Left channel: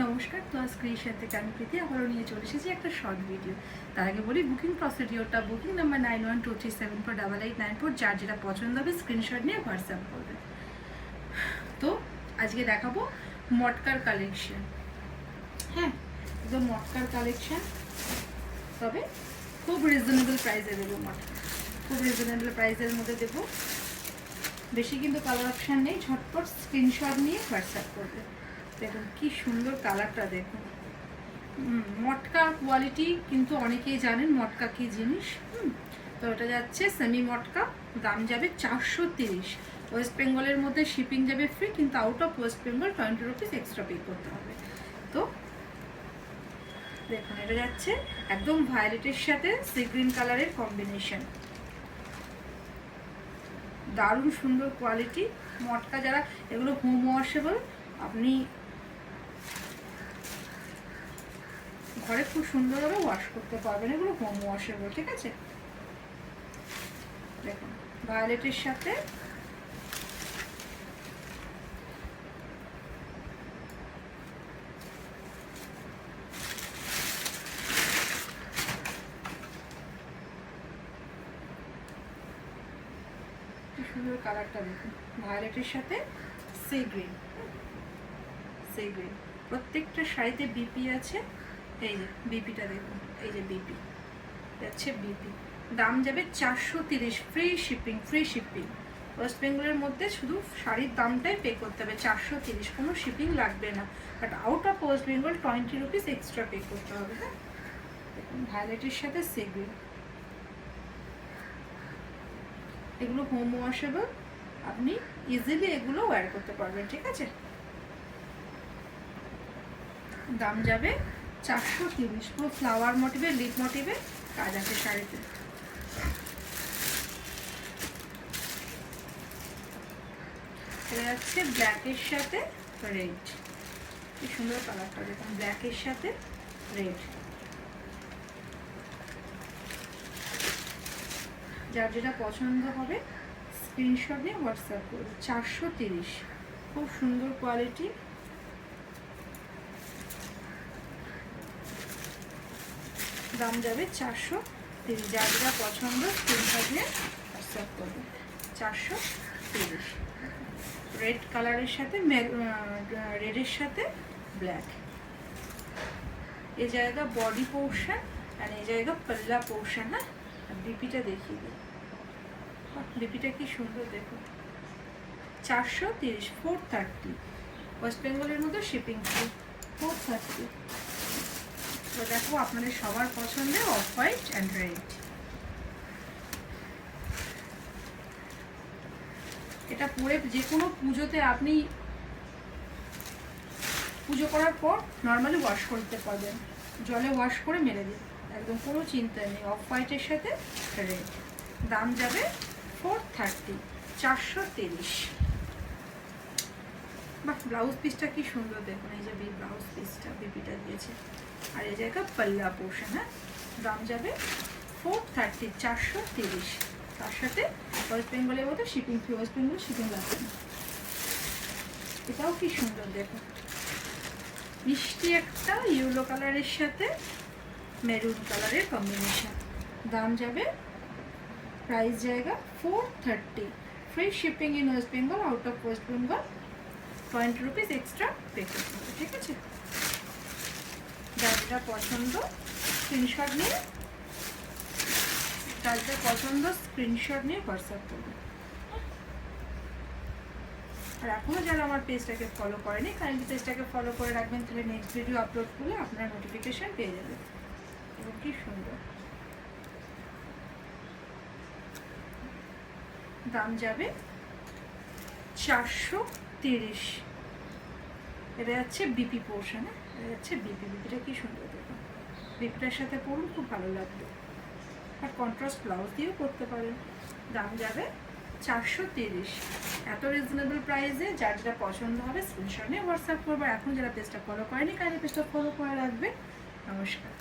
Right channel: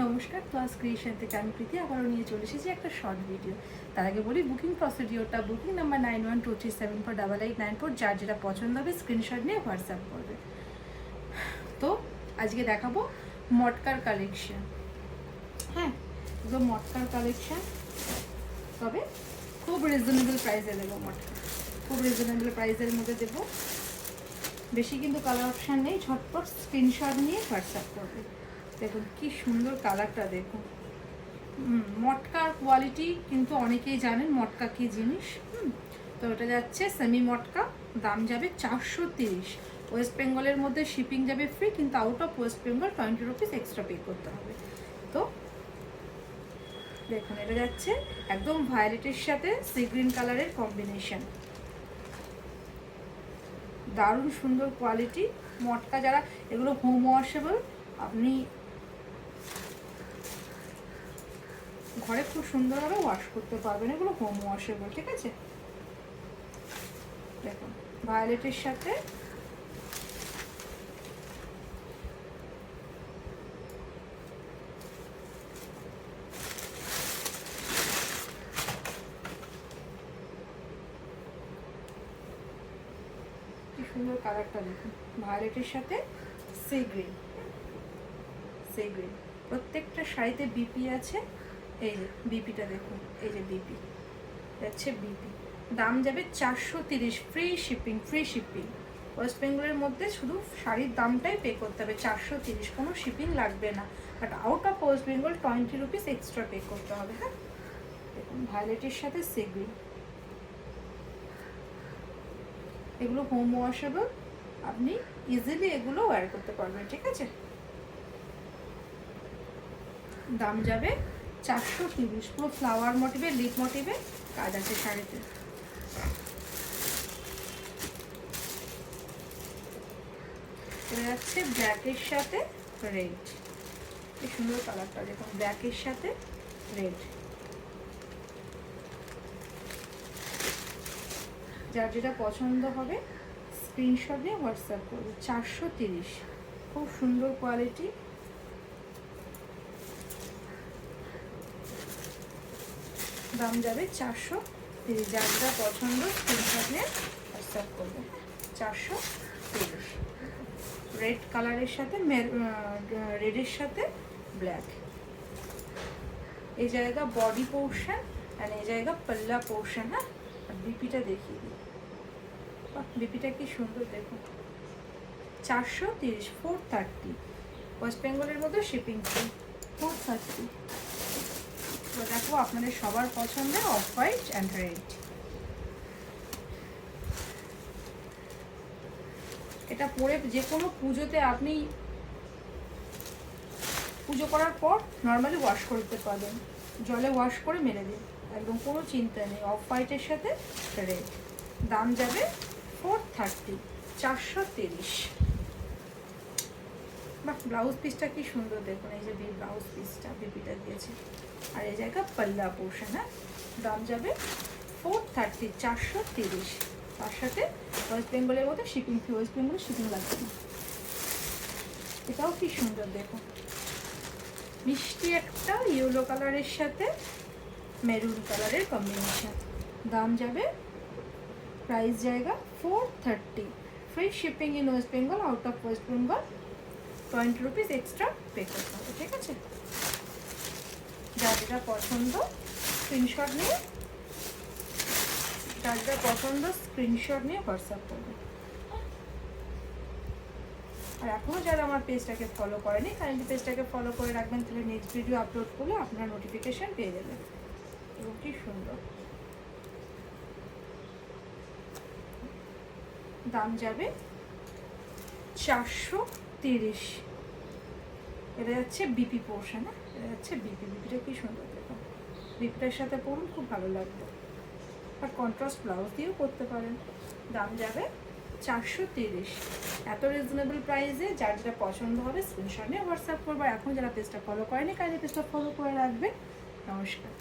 নমস্কার, class creation থেকে আমি প্রীতি আবারও নিয়ে চলে এসেছি একটা শর্ট ভিডিও। তার আগে বলি বুকিং প্রসিডিওরটা, বুকিং নাম্বার 9123748894, যার যেটা পছন্দ হবে স্ক্রিনশট নিয়ে হোয়াটসঅ্যাপ করবে। তো আজকে দেখাবো মটকার কালেকশন। হ্যাঁ, একদম মটকার কালেকশন, তবে খুব রিজনেবল প্রাইসে দেবো। মটকা খুব রিজনেবল প্রাইসের মধ্যে দেবো, বেশি কিন্তু কালার অপশান নেই। ঝটপট স্ক্রিনশট নিয়ে হোয়াটসঅ্যাপ করবে। দেখুন কি সুন্দর কালারটা, দেখুন। মটকার কোয়ালিটি কিন্তু অনেকেই জানেন মটকা কি জিনিস। তো এটা যাচ্ছে সেমি মটকা, দাম যাবে 430। ওয়েস্ট বেঙ্গলের মধ্যে শিপিং যাবে ফ্রি, কিন্তু out of West Bengal 20 rupees extra pay করতে হবে। তো দেখুন এটা যাচ্ছে একদম ভায়োলেটের সাথে সি গ্রিন কালারের কম্বিনেশন, দারুণ সুন্দর কোয়ালিটি। মটকা যারা এগুলো হোম ওয়াশেবল, আপনি ঘরে খুব সুন্দরভাবে ওয়াশ করতে পারবেন। এগুলো হোম ওয়াশেবল, ঠিক আছে। দেখুন ভায়োলেটের সাথে কি সুন্দর কালারটা, দেখুন ভায়োলেটের সাথে সি গ্রিন। সি গ্রিন প্রত্যেকটা শাড়িতে বিপি আছে। এই যে বিপিটা দেখুন, এই যে বিপি যাচ্ছে, বিপি। দাম যাবে 430, free shipping. Free shipping West বেঙ্গলের মধ্যে শুধু শাড়ির দামটাই পে করতে হবে 430, কোনো শিপিং লাগবে না। But out of West Bengal 20 rupees extra pay করতে হবে। হ্যাঁ, দেখুন ভায়োলেটের সাথে সি গ্রিন, এগুলো হোম ওয়াশেবল, আপনি ইজিলি এগুলো ওয়্যার করতে পারবেন, ঠিক আছে। দাম যাবে 430, পুরো ফ্লাওয়ার মোটিভে, লিপ মোটিভে কাজ আছে শাড়িতে। এটা যাচ্ছে ব্ল্যাকের সাথে রেড, কি সুন্দর কালারটা দেখুন, ব্ল্যাকের সাথে রেড। যার যেটা পছন্দ হবে স্ক্রিনশট নিয়ে হোয়াটসঅ্যাপ করবে। 430, খুব সুন্দর কোয়ালিটি। দাম যাবে 430, যার যেটা পছন্দ স্ক্রিনশট নিয়ে হোয়াটসঅ্যাপ করবে। 430, রেড কালারের সাথে রেডের সাথে ব্ল্যাক। এই জায়গা বডি পোর্শন আর এই জায়গা পাল্লা পোর্শন। হ্যাঁ, আর বিপিটা দেখিয়ে দিই, বিপিটা কি সুন্দর দেখুন। 430, 430 ওয়েস্ট বেঙ্গলের মধ্যে শিপিং ফ্রি, 430। তো দেখো আপনাদের সবার পছন্দে অফ হোয়াইট অ্যান্ড রেড। এটা পরে যে কোনো পুজোতে আপনি পুজো করার পর নর্মালি ওয়াশ করতে পারবেন, জলে ওয়াশ করে মেরে দিন, একদম কোনো চিন্তা নেই। অফ হোয়াইটের সাথে রেড, দাম যাবে 430, 430। বাট ব্লাউজ পিসটা কি সুন্দর দেখুন, এই যে ব্লাউজ পিসটা বিপিটা দিয়েছে, আর এই জায়গা পাল্লা পোর্শন। হ্যাঁ, দাম যাবে 430, 430। তার সাথে ওয়েস্ট বেঙ্গলের মধ্যে শিপিং ফ্রি, ওয়েস্ট বেঙ্গলে শিপিং লাগবে না। এটাও কি সুন্দর দেখুন, মিষ্টি একটা ইয়েলো কালারের সাথে মেরুন কালারের কম্বিনেশন। দাম যাবে, প্রাইস জায়গা 430, free shipping in West Bengal, out of West Bengal 20 rupees extra pay করতে হবে, ঠিক আছে। যার যেটা পছন্দ স্ক্রিনশট নিয়ে, যার যেটা পছন্দ স্ক্রিনশট নিয়ে হোয়াটসঅ্যাপ করবে। আর এখনও যারা আমার পেজটাকে ফলো করেনি, কাইন্ডলি পেজটাকে ফলো করে রাখবেন, তাহলে নেক্সট ভিডিও আপলোড করলে আপনার নোটিফিকেশান পেয়ে যাবেন। এবং কি সুন্দর, দাম যাবে 430। এটা যাচ্ছে বিপি পোর্শন। এটা যাচ্ছে বিপি, বিপিটা কি সুন্দর দেখুন, বিপিটার সাথে পরুন, খুব ভালো লাগবে। আর কন্ট্রাস্ট ব্লাউজ দিয়েও করতে পারেন। দাম যাবে 430, এত রিজনেবল প্রাইসে। যার যেটা পছন্দ হবে স্ক্রিনশট নিয়ে হোয়াটসঅ্যাপ করবে। এখন যারা পেজটা ফলো করেনি, কাইন্ডলি পেজটা ফলো করে রাখবে। নমস্কার।